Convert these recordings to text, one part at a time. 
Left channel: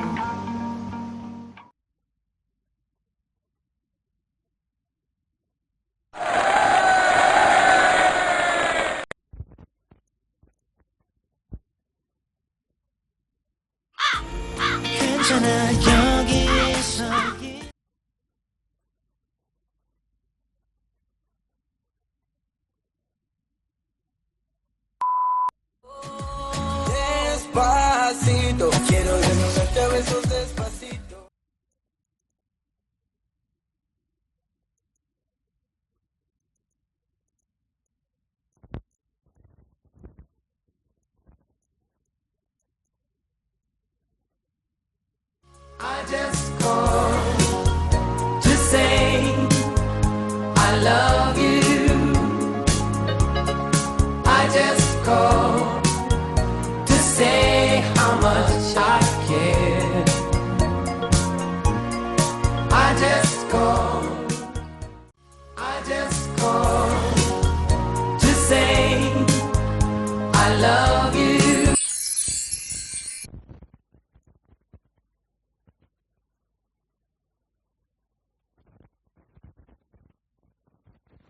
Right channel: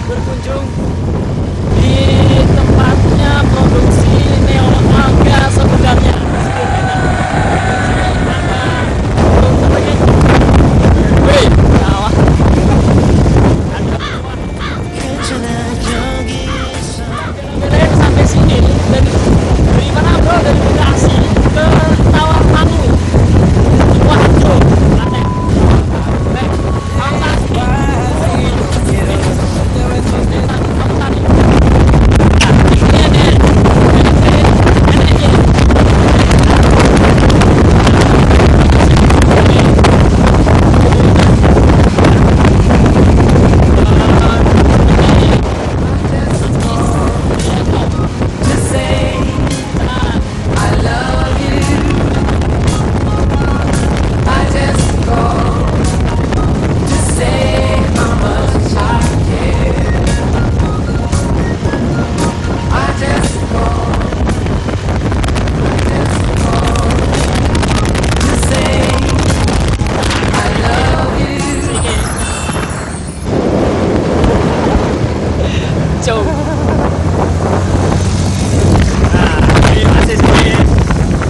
berkunjung di tempatnya produksi Neo Alga sebenarnya. Wih, sawah. Kira-kira sampai sini dari mana bro? Dari Bekasi ke Tawarmangu. Waduh, aneh.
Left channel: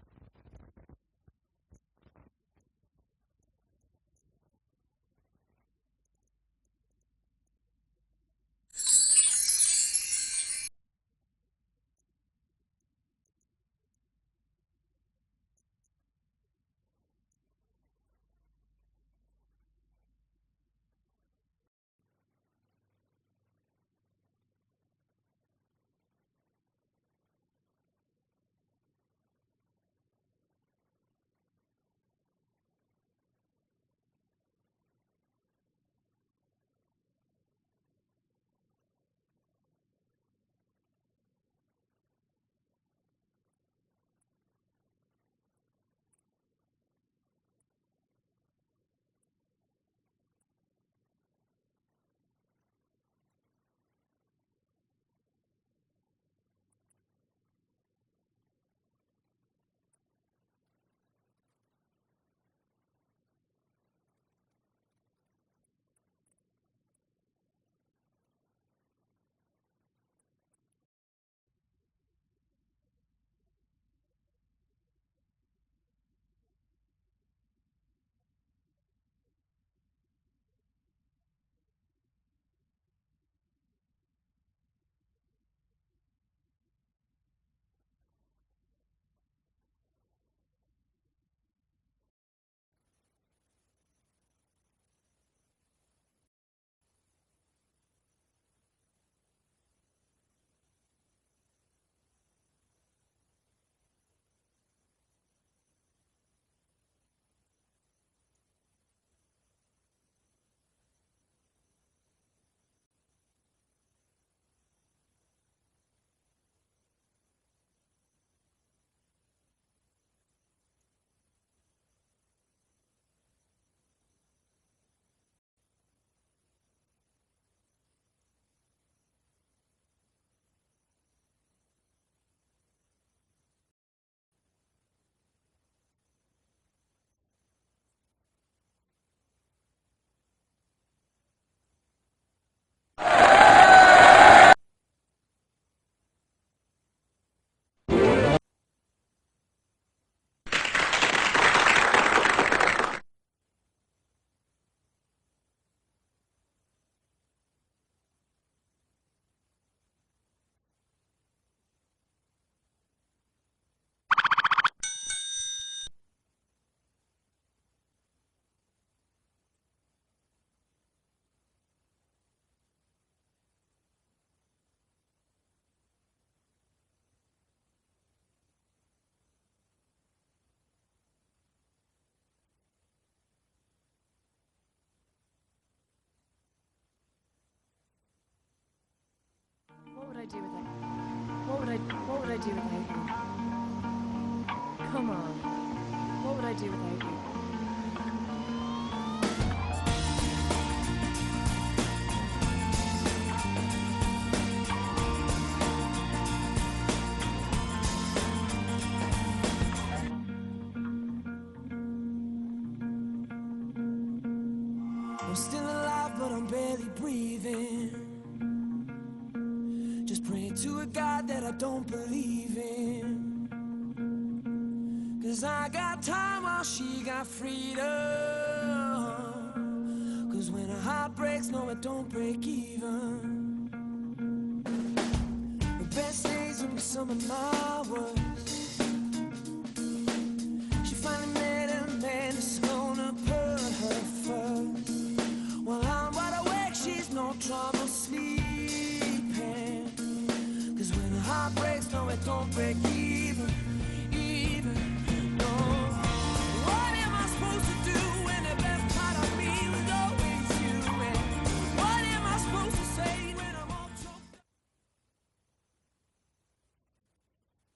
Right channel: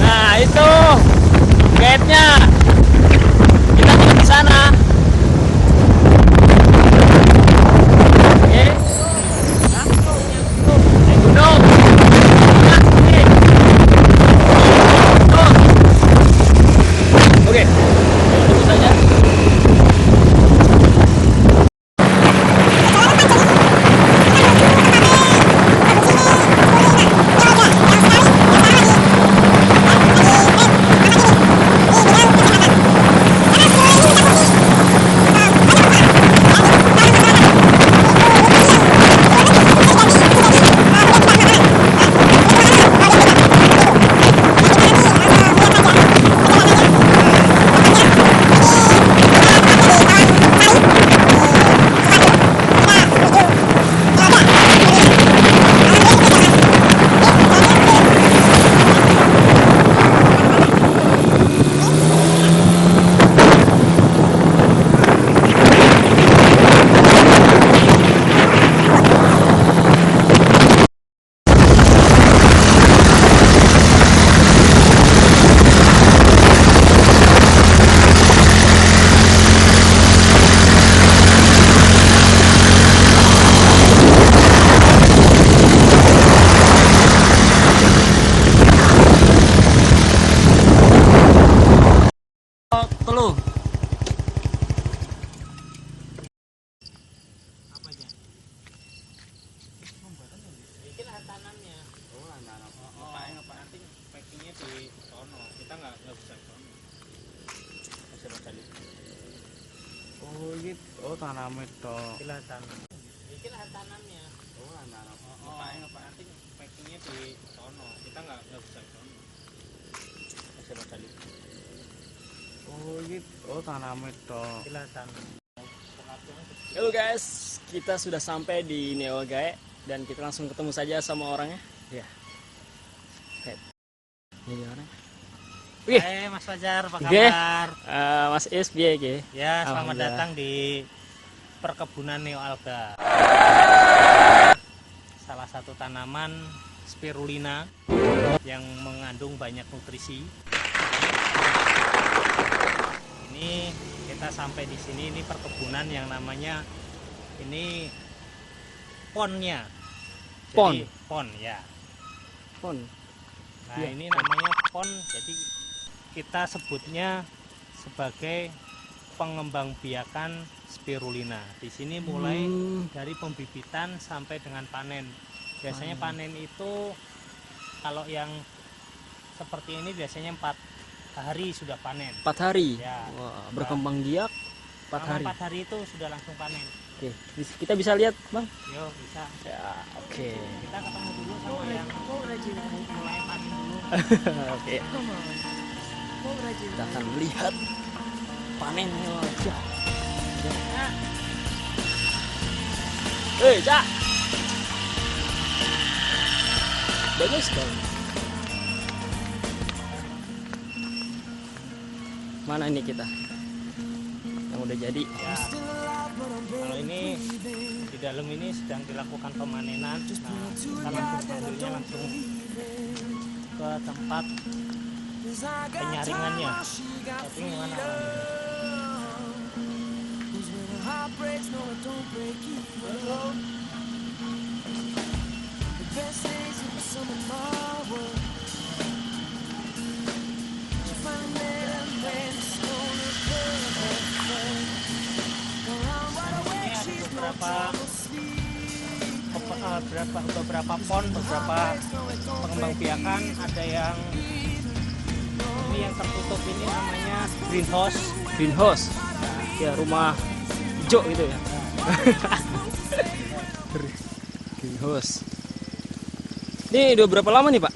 Nah, itu gate-nya. Kita tinggal di sana. Oke. Gunung. Oke. Tunggu saja. Telu. Oh gitu. Oh tanam itu. Ikilah tanam. Ikilah tanamnya. Oh tanam. Nanti packingnya di sono. Kita nggak bisa ke sono. Masih mau cari. Oh gitu. Oh tanam itu. Ikilah tanam. Halo guys, kita sudah sampai di Neo Gae dan kita langsung ketemu saja sama orangnya. Ya. Oke. Ini orang. Oke. Hai Mas Fajar, apa Oke. kabar? Mas Is, biye ge. Ya, selamat Alhamdulillah. datang di perkebunan Neo Alga. Salah satu tanaman spirulina yang mengandung banyak nutrisi. Ini kita sampai di sini, ini perkebunan yang namanya ini ponnya. Pon? Jadi, pon ya. Pon. Nah, Iya. ini namanya pon. Jadi kita sebutnya sebagai pengembangbiakan spirulina. Di sini mulai dari pembibitan sampai dengan panen. Biasanya panen itu kalau yang seperti ini biasanya 4 hari sudah panen. 4 hari. Ya. Wah, berkembang biak 4 Selama hari. 4 hari itu sudah langsung panen. Oke, kita bisa lihat, Bang. Yo, bisa. Ya, oke. Kita What would I do with my Oke. Come on. What would I do with Kita my akan lihat panennya. Cak. Bagus dong. Mana ini kita? Yang udah jadi. Ini di dalam ini dilakukan pemanenan. Nah, kita langsung ke tempat penyaringannya. Beberapa pon, beberapa pengembang biakan, ada yang ini yang tertutup ini namanya greenhouse, ya rumah hijau gitu ya. Greenhouse. Ini udah berapa lama nih Pak?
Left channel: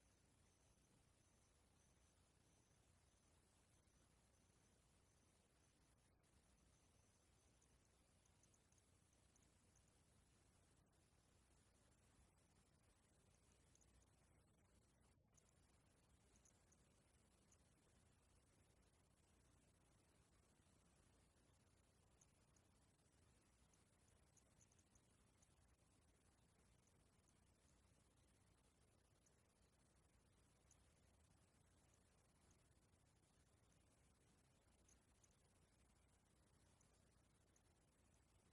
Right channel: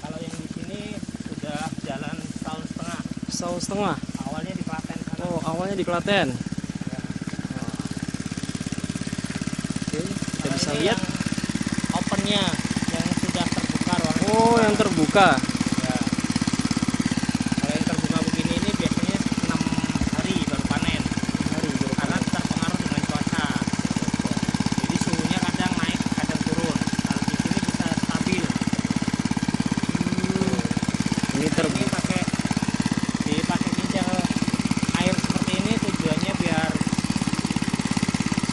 Kalau yang di sini sudah jalan setahun setengah. Setahun setengah. Awalnya di Klaten sana. Oh, awalnya di Klaten. Ya. Oke, kita Kalau bisa ini lihat. yang opennya yang sudah terbuka ruangan. Oh, yang terbuka. Ya. Kalau yang terbuka begini ini biasanya 6 hari baru panen. Karena terpengaruh dengan cuaca. Jadi suhunya kadang naik, kadang turun. Kalau di sini bisa stabil. Ini Ini terbuka. dipakai pinjal air seperti ini tujuannya biar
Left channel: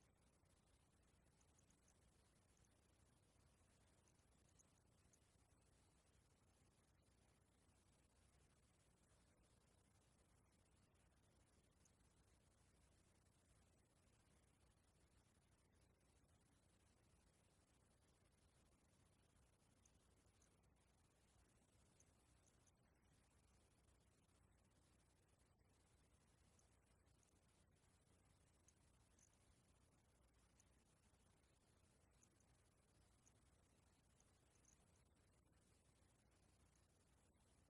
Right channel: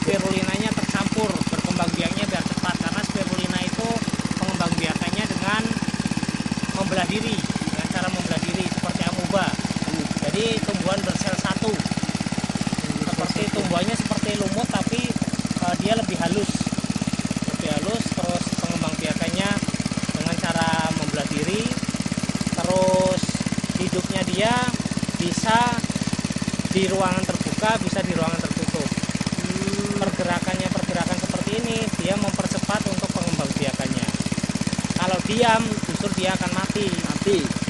spirulinanya tercampur, berkembang biaknya biar cepat. Karena spirulina itu pengembang biakannya dengan membelah diri, dengan cara membelah diri seperti amoeba. Jadi tumbuhan bersel satu. Seperti tumbuhannya seperti lumut tapi dia lebih halus. Terus pengembang biakannya dengan cara membelah diri. Terus hidupnya dia bisa di ruangan terbuka, bisa di ruangan tertutup. Pergerakan seperti ini dia mempercepat untuk pengembang biakannya. Kalau diam justru dia akan mati.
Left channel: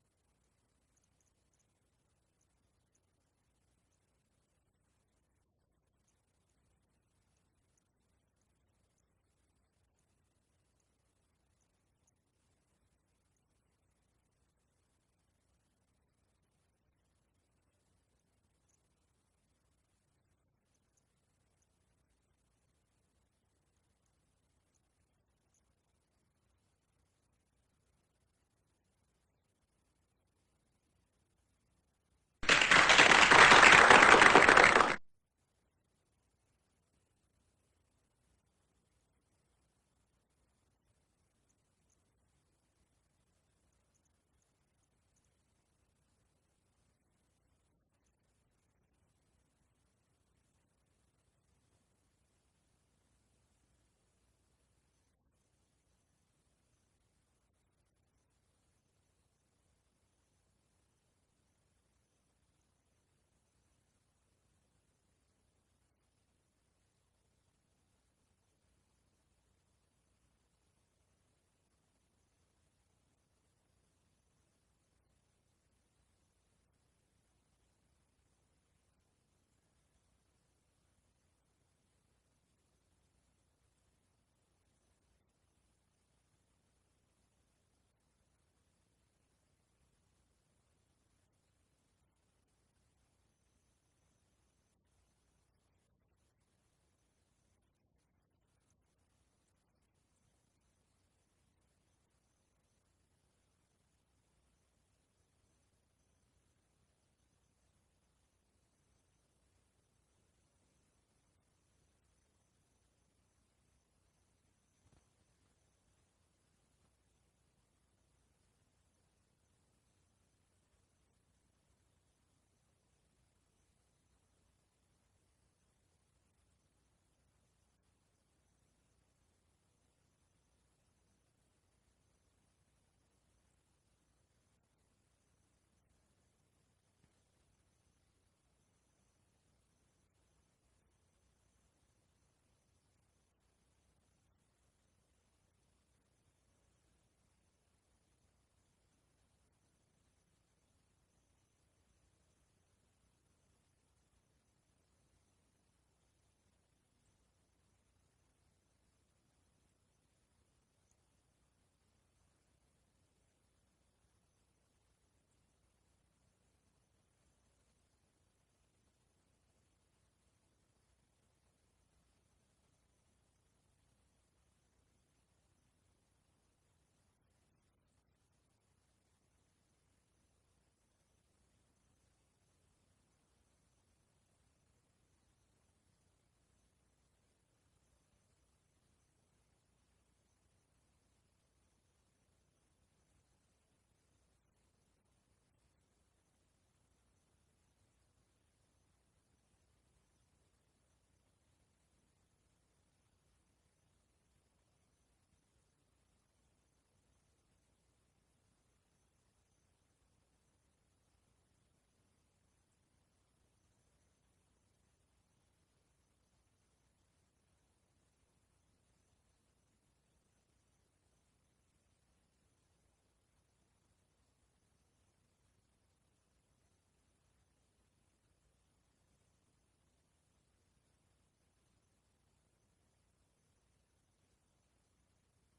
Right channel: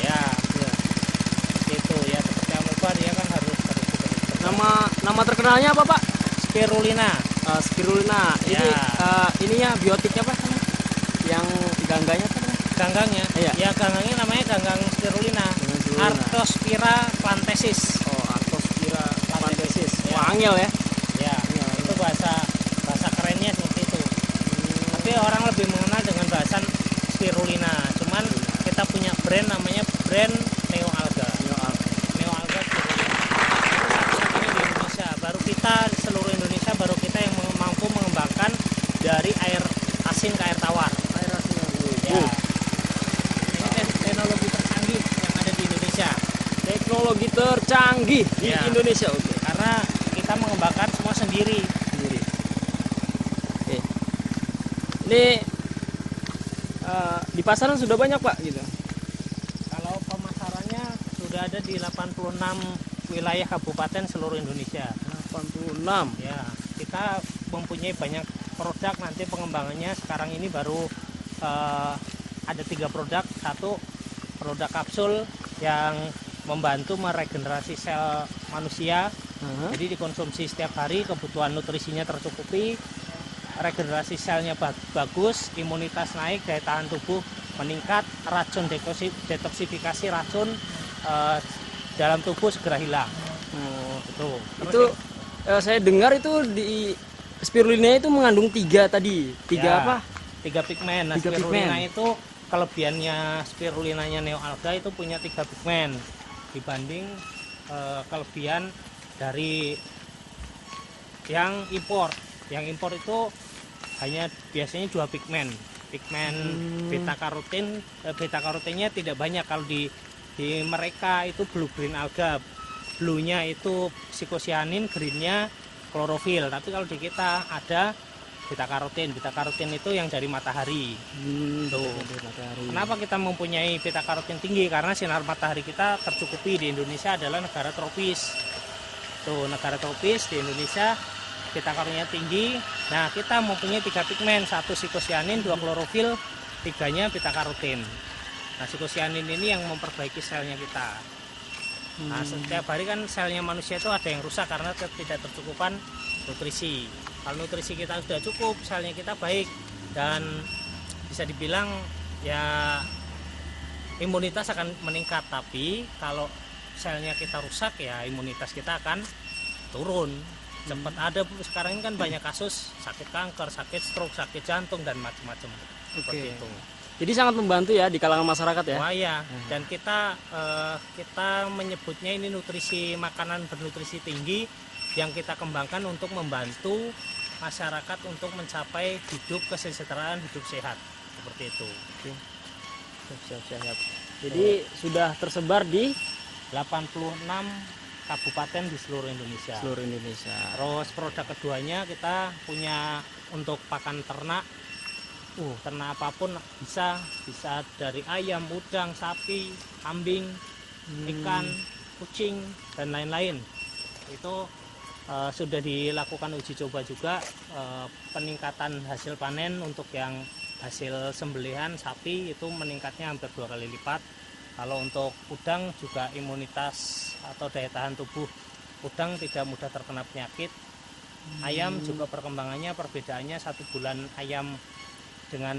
Ya. Itu ya seperti amoeba dia kan harus terus. Nama terkenalnya apa Pak? Spirulina. Spirulina. Ini Ya. ininya biotiknya apa? Yang gangganya apa? Ganggangnya. Iya. Ya ganggangnya namanya ganggang spirulina. Ganggang spirulina. Artospira plantensis. Oh, Artospira plantensis. Ya. Wah, angel ya. Ya, itu bahasa kerennya seperti itu. Tapi orang lebih mengenal dengan bahasan spirulina. Cuman kita punya brand namanya brand Neoalga. Neoalga Indonesia. Baru kita seluruh Indonesia baru kita yang mampu mengembangkan dari air asin ke air tawar. Air asin. Ya. Ini teknologi tercanggih yang ada di Indonesia. Teknologi tercanggih di Ya. Indonesia. Oke. Karena kita mengembangkan semua sendiri. Oke. Ini di pasaran sudah banyak Pak gitu. Kalau pemasarannya sudah ada di 86 wilayah kabupaten seluruh Indonesia. 86. Ya, kita mempunyai banyak produk. Nanti pengembangannya sekarang ini baru ada 3 produk. Satu produk kapsul yang membantu meregenerasi sel manusia. Jadi dikonsumsi setiap hari, kebutuhan nutrisinya tercukupi, regenerasi selnya bagus, imunitas naik, daya tahan tubuh meningkat, racun detoksifikasi racun dalam tubuh segera hilang. Itu saya dengar itu di spirulina itu mengandung 3 tadi. 3 Ya, apa? 3 pigmen. Nah, 3 spirulina pigmen. itu kelebihannya spirulinanya Neoalga itu punya 3 pigmen dibanding kelebihan dari yang impor. Yang impor itu hanya biasanya 2 pigmen. Pigmen beta karotinnya tidak banyak. Kalau di mereka itu blue green alga. Blue-nya itu psikosianin, green-nya klorofil. Tapi kalau di kita ada beta karotin. Beta karotin itu yang dari matahari. Tuh. Kenapa kita mempunyai beta karotin tinggi? Karena sinar matahari kita tercukupi. Di Indonesia adalah negara tropis. Tuh, negara tropis di Indonesia beta karotinnya tinggi. Nah, kita mempunyai 3 pigmen, 1 psikosianin, 2 klorofil, 3-nya beta karotin. Nah, psikosianin ini yang memperbaiki selnya kita. Nah, setiap hari kan selnya manusia itu ada yang rusak karena tidak tercukupan nutrisi. Kalau nutrisi kita sudah cukup, selnya kita baik dan bisa dibilang ya imunitas akan meningkat. Tapi kalau selnya kita rusak ya imunitas kita akan turun. cepat. Ada sekarang ini kan banyak kasus sakit kanker, sakit stroke, sakit jantung dan macam-macam. Seperti itu. Jadi sangat membantu ya di kalangan masyarakat ya. Wah ya, dan kita menyebutnya ini nutrisi makanan bernutrisi tinggi yang kita kembangkan untuk membantu masyarakat untuk mencapai hidup kesejahteraan, hidup sehat seperti itu. Siap. Jadi sudah tersebar di 86 kabupaten di seluruh Indonesia. Terus produk keduanya kita punya untuk pakan ternak. Ternak apapun bisa dari ayam, udang, sapi, kambing, ikan, kucing dan lain-lain. Itu sudah dilakukan uji coba juga, peningkatan hasil panen untuk yang hasil sembelihan sapi itu meningkatnya hampir 2 kali lipat. Kalau untuk udang juga imunitas atau daya tahan tubuh udang tidak mudah terkena penyakit. Ayam juga perkembangannya perbedaannya 1 bulan ayam dengan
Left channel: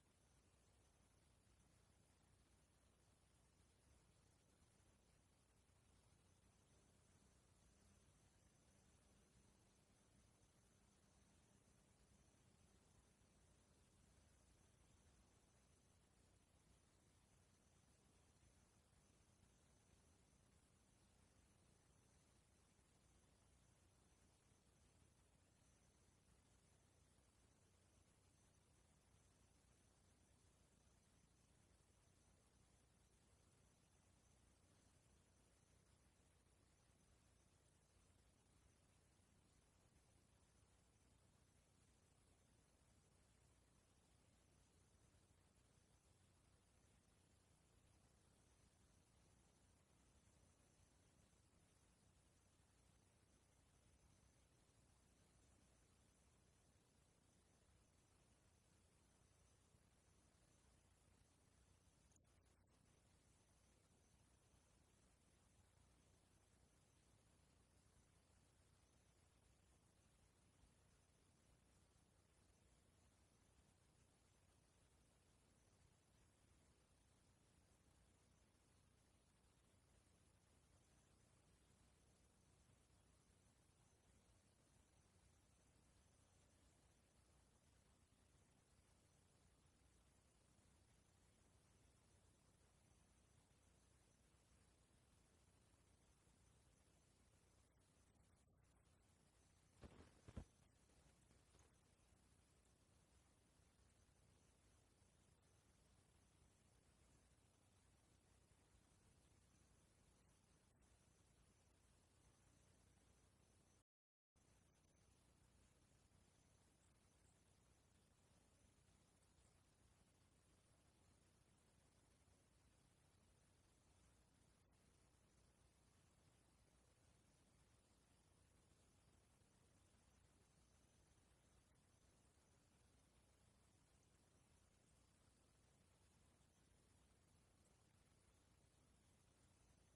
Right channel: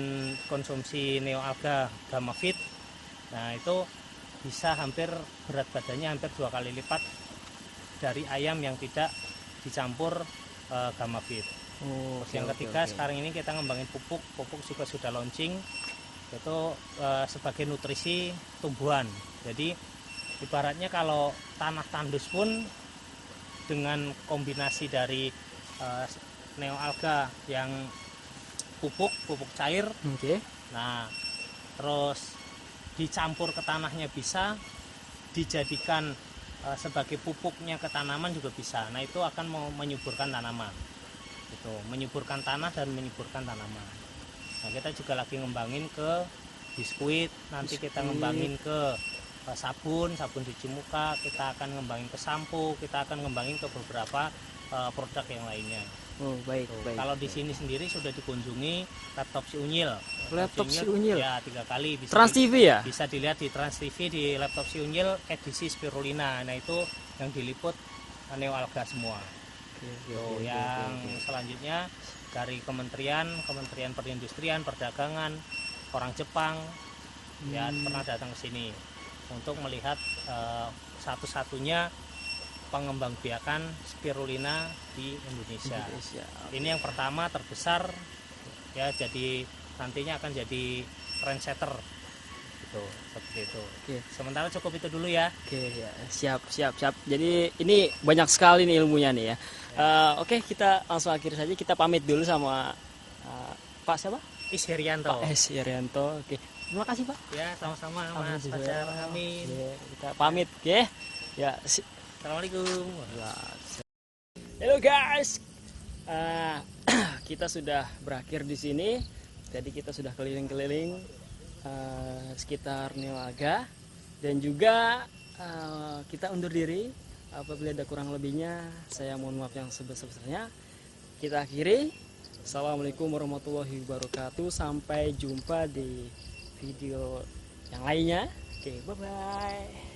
konsumsi neoalga Gamafit, nah itu bisa hampir berat badannya hampir 2 kali lipat dari ayam yang tidak dicampur Gamafit. Yang ketiga sekarang ini kita ngembangin pupuk juga sudah launching, itu sebagai nutrisi tumbuhan. Jadi ibaratnya kalau tanah tandus pun dengan kombinasi dari neoalga yang pupuk cair, nah terus dicampur ke tanahnya bisa, dijadikan sebagai pupuknya ke tanaman juga bisa. Nah itu akan menyuburkan tanaman, itu menyuburkan tanah dan menyuburkan tanaman. Nah kita juga lagi ngembangin ke biskuit, nanti kita ngembangin ke sabun cuci muka, kita akan ngembangin ke sampo, kita akan ngembangin ke beberapa produk yang lainnya. Baik. Kalau di sini sendiri sudah dikunjungi laptop si Unyil. Laptop si Unyil. Ya 3 kali. Trans TV ya? Bisa dilihat di Trans TV di laptop si Unyil edisi spirulina. Nah itu yang diliput neoalga semua. Yang selanjutnya dari Kementerian Perindustrian, Perdagangan, orang Jepang ya pernah datang ke sini untuk melihat satu-satunya pengembangbiakan spirulina di Indonesia. Ini yang pertama terbesar ya, jadi nantinya akan jadi trendsetter gitu, seperti itu. Sementara cukup itu dulu ya. Siap. Jadi ini banyak sekali nih ilmunya nih ya. Kita langsung akhir saja, kita pamit dulu sama Pak siapa? Isherianto. Pak Isherianto. Terima kasih Pak. Ya sama-sama Mas Fajar. Amin. Kita pamit, ya. Assalamualaikum. Halo guys, kita sudah berakhir di sini. Jadi kita sudah keliling-keliling sekitar neoalga dan juga kita undur diri. Apabila ada kurang lebihnya, saya mohon maaf yang sebesar-besarnya. Kita akhiri. Assalamualaikum warahmatullahi wabarakatuh. Sampai jumpa di video yang lainnya. Bye bye.